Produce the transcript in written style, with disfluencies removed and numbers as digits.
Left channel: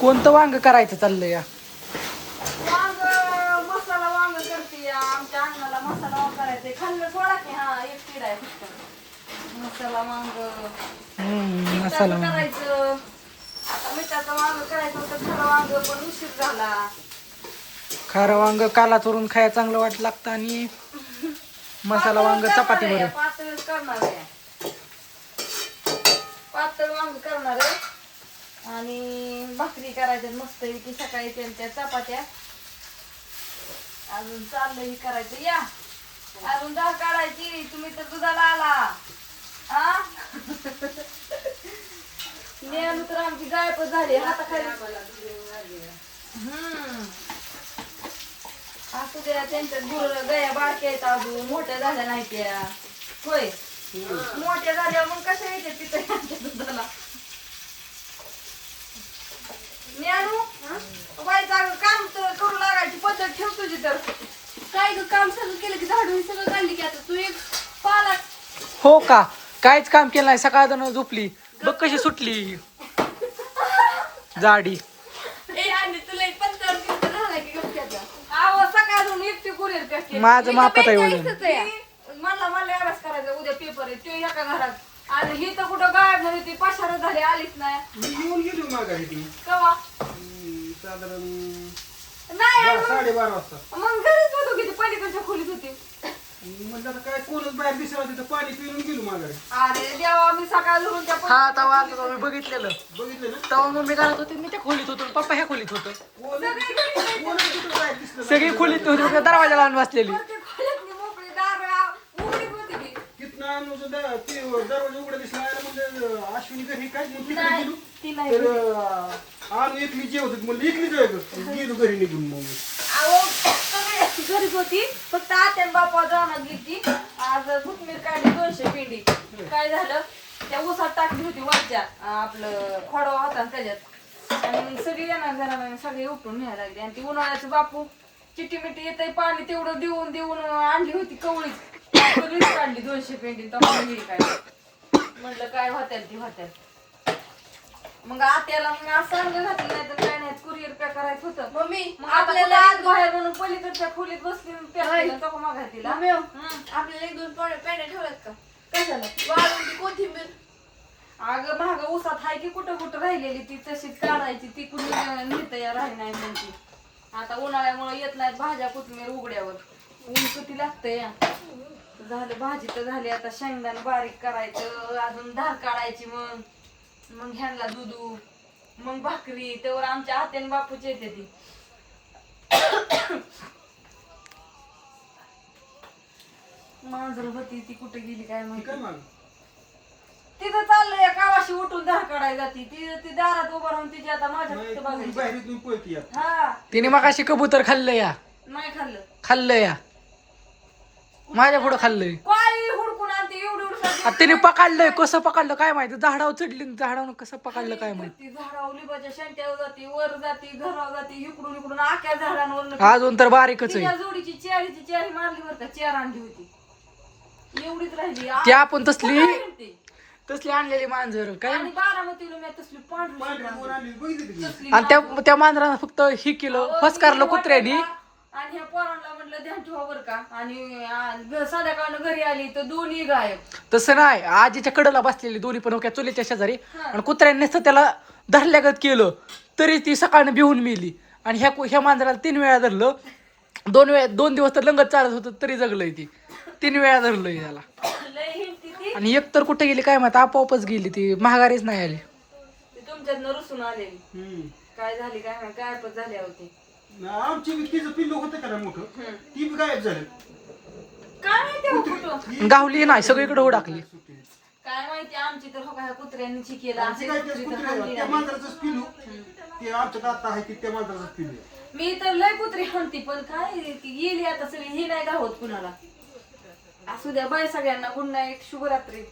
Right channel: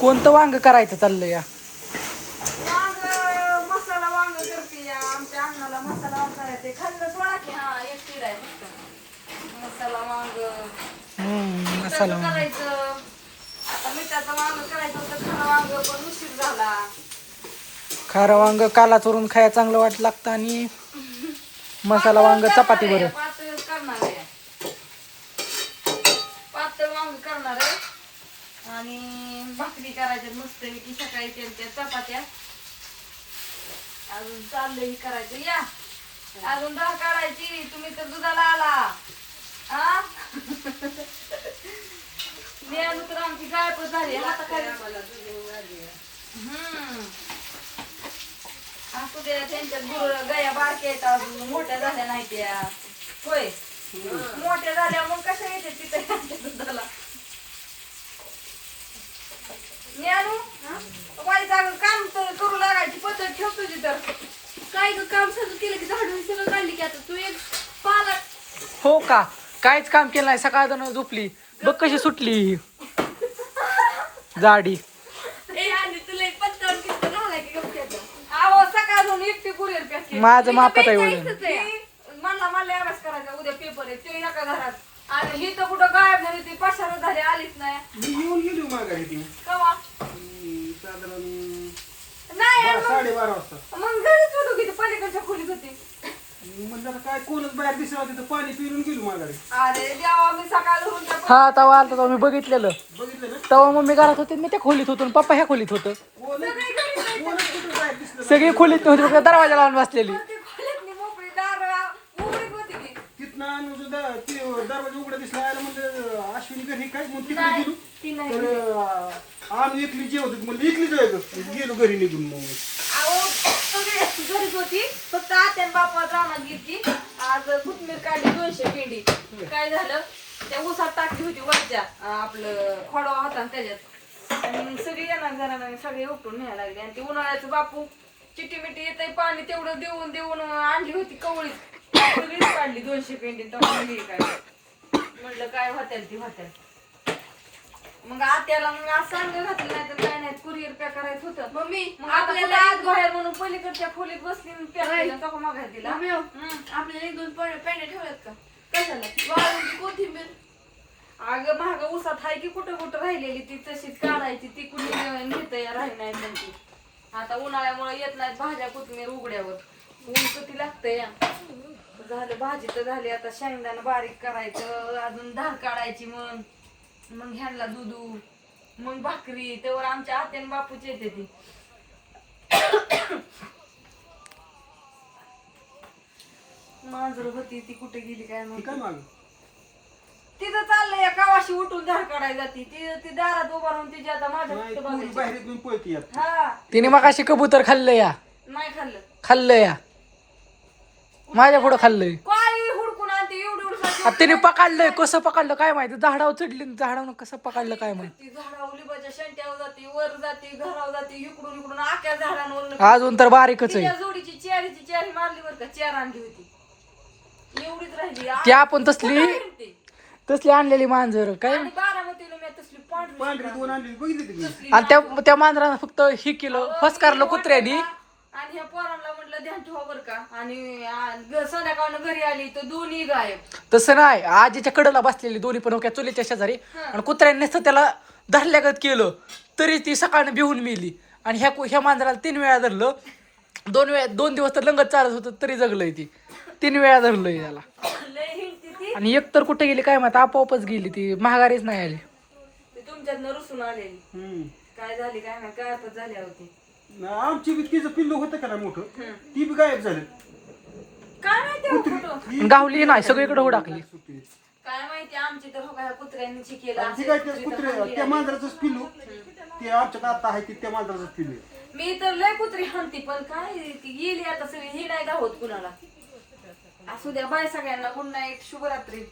कोणतं वांग करायचं चाललंय या? वांग मसाला वांग करते या. आमच्या अन्नाला मसाला वांग करायचंय. खाल्लं सोडा की हा एक किड आहे फक्त मसाला वांग. मसाला वांग करायचं. आता मिठाचं वांग करायचं होतं खरं वांग पण उशीर झाला. खारं वांग काला चोरून खायला चांगलं वाट लागतं आणि मसाला वांग चपाती बरं. पातळ करणार आहे. पातळ वांग करणार आहे आणि भाकरी करायच्या मस्त की सकाळी त्या चपात्या अजून चाललंय करायचं या. अजून डाळ काढायची. तुम्ही तर दुधाला आला आ मेनू तर आमची गायबच झाली हाताखाली. असू द्या त्यांच्या गया बारक्या आहेत अजून मोठ्या झाल्या नाही त्या होय मोठ्या झाल्या मग कशा येते तिथे त्यांच्या दुधाला. मी आणू बाई जागा काम तर करू लागायची पद्धत ठेव तुझी तर काय काम सगळं केलं की झाडून सगळं काढली की आता तू एक पाला. हो का? काहीच काम केलं नाही. सकाळ झोपली बघ कशी सुटली जाडी. सकाळून एकटी कुरिअर पॅक केली. माझं मापत आहे वजन. म्हणला अभ्यास करायचा उद्या पेपर आहे ते एका घरात आणि ही तर कुठं गायब झाली ती पशार झाली आलीच नाही. मी येऊन गेली माघारी ती कवा साधारण नाही 12:30 वाजता. मग घरीच होतो की पलीकडच्या खोलीत होती. म्हणजे आता काय कोणच बाहेर दिसला तिथं पाणी पिऊन गेलो माघारी. अरे देवा मी सकाळ धरून हा तवा आलता तेव्हा मी बघितलेलं. बघितलं ना तेव्हा मम्मी घरात होती मी त्या खोलीत होतो आणि पप्पा ह्या खोलीत होतं. कोणच कुठं बाहेर दिसलं सगळी खोलीत नव्हती फक्त दरवाजा लावून बसलेली. मोकळी दार उघडी होती की तिथनं आम्ही ते दरवाजा उघडा दिसला म्हणजे अश्विनी घरी काय मग तिकडे नाही, गेलो ती नाही. तर आम्ही एकली जेवत म्हणजे एकली जायचं गेलो घरी निघून मग घरीच होती फक्त आत्या बापा जाणार गेली. आज कोथमीर काढली 200 पेंडी. काय झालं त्या ऊसात टाकली होती वरच्या आपलं खोडवा होता ना त्याच्यात आणि सगळी येणार जाणार सगळे उपटून न्यायला लागले आणि ती उन्हाळ्याचं बापू चिट्टी मिट्टी येतंय पाणी तेवढं देऊन देऊन आणली होती कवळीत सगळीच काढली 200 पेंडी. तर काय म्हणलं काय होत्याल ती होत्याल. मग आत्याला मग असं सांगलं घातलं नाही तर काय नाही कुरिअर पॅक करायचं होतं. मम्मी मग आपल्याला आज बाहेर म्हणून पलीकडच्या खोलीत बसली पॅक केलं तर मागाय तिला. आपल्याला 1-2 पेंड्या ठेवल्यात का कशाला वाळूची कोथिंबीर. अगं महाग उसात हाय की कुठं कुठं राहिलेली ती तशीच काढायची ती कुणी नेत राही नाही त्यांची. आता उन्हाळ्यामुळे येत नाहीत भाज्या कोथिंबीर उघड्यावर ऊन किती लागतंय या. झालं भाजी तर झाली आता शेंगदाणा बारीक करायचं अजून धार काढायची मग ह्यांना दुधू मग भाकरी तेव्हा आमच्या आत्यान बापूची येते ती. मांजर होती ती कुठे गेली काय माहिती. तिथं चाललंय या कावाशी उठून धार काढायला जाती ती दारात उभा राहून तिची आता माझ्या बघायची. हा तिने मग अशी कबूतर खाल्लं या. नाही खाल्लं खाल्लं या माझ्या पुढं खाल्लंय. काय हुडकून आणते एवढं तिने पकडलंय. कसं पकडलं काय माहिती. झाडावर चढली झाडावर कसं पकडलं काय माहिती. झाडावर लिंबाच्या शेंट्यावर जाती वर जाती घरावर जाती इकडून इकडून आख्या झाडांवर अजून तर बारीकच आहे. जोडीची चेअरी मारली बरं का. चेअर आणली होती एवढीच राहिली. ती आपण तसली आणलेली मांजर काय आणि बारामतीला मी तसली पांढरी आणि त्या मांजरानं फक्त ही केलं फसकारलं कुत्र्यानी. आणि ह्या पोरांना म्हटलं ध्यान ठेवा बरं का. आणि संध्याकाळनं घरी आली तर दोन्ही गायब. तसं नाही. आजीच्या कडेला बसलेली दोन्ही पण होक्या चुलीच्या शेजारी आणि कुत्र्याने नुसतं त्याला धरल्यागत केलं तरी ती सकाळनं भिवून मेली. आणि ह्या मांजराला 3 वेळा धरलं. 2 दिवस तर लंगत चालत होतं तरी जगलंय ती. 3 वेळा धरलंय त्याला. आणि एक तर कुठे गेली काय माहिती आपोआपच गेली ती महागारीच नाही आली. तुमच्यातनं रुसून आलेली काय झाली काय माहिती गायबच झाली होती. आमची तिचं पिल्लू होतं का ना मोठं ती बी गायब झालं. काय माहिती गावली नाही सगळीकडे हुडाकली. काय माहिती आमची तर हो काय कुत्र्यांनी केलं त्या मांजराचंच पिल्लू ते आमच्या आता आहे की त्या मांजराचंच पिल्लू. मी तर लय कुत्री आणती पण काय गेली आता सगळी ही नाही गावत कुणाला. असू द्या बाय सगळ्यांना गुड नाईट शुभरात्री.